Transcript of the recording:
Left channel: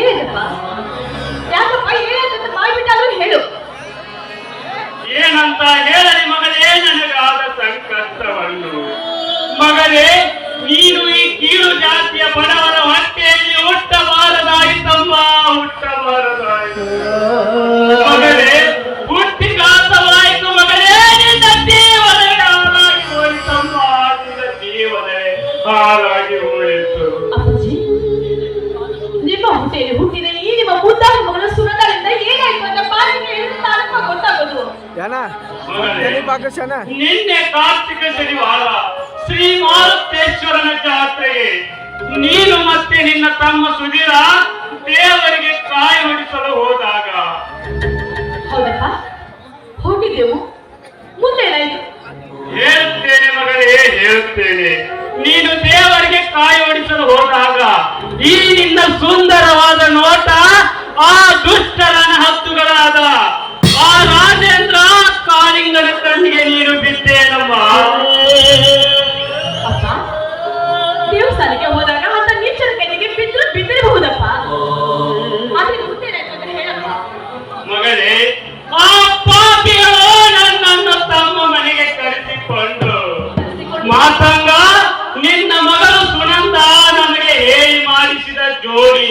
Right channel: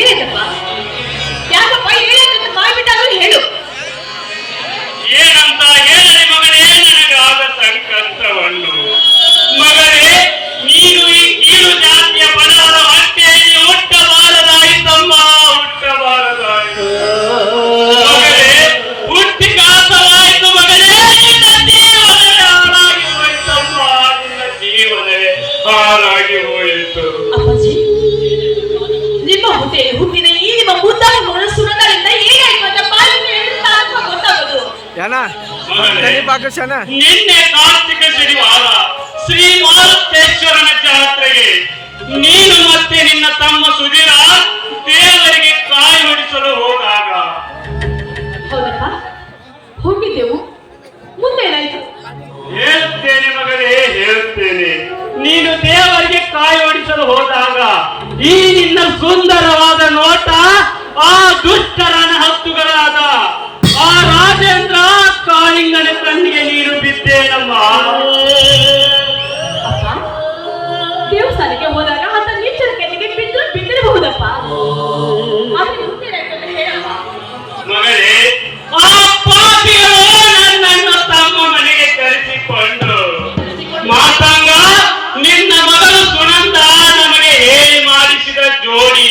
ಏನಿದಪ್ಪ? ಯಾಕಪ್ಪ ಏನಾಯ್ತು ಮಾಡಿಬಿಟ್ಟಾದ್ರೂ ಹೇಳು. ಏನಂತ ಹೇಳಲಿ ಮಗಳೇ ನನಗಾದ ಸಂಕಷ್ಟವನ್ನು. ಮಗಳೇ, ನೀನು ಈ ಕೀಳು ಜಾತಿಯ ಬಡವರ ಹೊಟ್ಟೆಯಲ್ಲಿ ಹುಟ್ಟಬಾರದಾಯಿತಮ್ಮ, ಹುಟ್ಟಬಾರದಾಯಿತು ಮಗಳೇ. ಹುಟ್ಟಿ ಘಾತವಾಯಿತು ಮಗಳೇ, ನಿನ್ನ ಜೀವನವೇ ಹಾಳಾಗಿ ಹೋಯಿತಮ್ಮ, ನಿನ್ನ ಜೀವನವೇ ಹಾಳಾಗಿ ಹೋಯಿತು. ನಿಮ್ಮ ಹೊಟ್ಟೆಯಲ್ಲಿ ಹುಟ್ಟಿದ ಈ ನಿಮ್ಮ ಮುದ್ದಾದ ಮಗಳ ಸುಮಂಗಲಿಂದ ಏನಾಯ್ತು ಅಂತ ಗೊತ್ತಾಗೋದು. ನಿನ್ನೆ ಕಾರ್ತಿಕ ಶನಿವಾರ ಶ್ರೀ ಮಾರುತೇಶ್ವರನ ಜಾತ್ರೆಗೆ ನೀನು ಮತ್ತೆ ನಿನ್ನ ತಮ್ಮ ಸುಧೀರ ದೇವರಿಗೆ ಕಾಯಿ ಹೊಡಿಸಲು ಹೋದಾಗ ಹೋಗಿದ್ದೆವು. ಮುಂದೆ ಏನಾಯ್ತು? ಹೇಳ್ತೇನೆ ಮಗಳೇ, ಹೇಳ್ತೇನೆ. ನೀನು ದೇವರಿಗೆ ಕಾಯಿ ಹೊಡಿಸಲು ಹೋದಾಗ ಈ ನಿನ್ನ ಸುಂದರವಾದ ನೋಟ ಆ ದುಷ್ಟರನ ಹತ್ತುಗಳಾದ ಆ ರಾಜೇಂದ್ರ ಕಾಳಿಂಗನ ಕಣ್ಣಿಗೆ ನೀನು ಬಿದ್ದೇನಮ್ಮ. ಅಪ್ಪ, ದೇವಸ್ಥಾನಕ್ಕೆ ಹೋದಾಗ ಅಂತ ನೀಚರ ಕಣ್ಣಿಗೆ ಬಿದ್ದಿರಬಹುದಪ್ಪ. ಆದ್ರೆ ಮುಂದೆ ಏನಾಯ್ತು ಅಂತ ಹೇಳಪ್ಪ. ಮಗಳೇ, ಆ ಪಾಪಿಗಳು ನನ್ನನ್ನು ತಮ್ಮ ಮನೆಗೆ ಕರೆಸಿಕೊಂಡು ಮಾತಾಗ ನಿನ್ನ ಮಗಳು ಸುನಂದ ನಮಗೆ ಹೇಳಿ ಮಾಡಿಸಿದ ಜೋಡಿ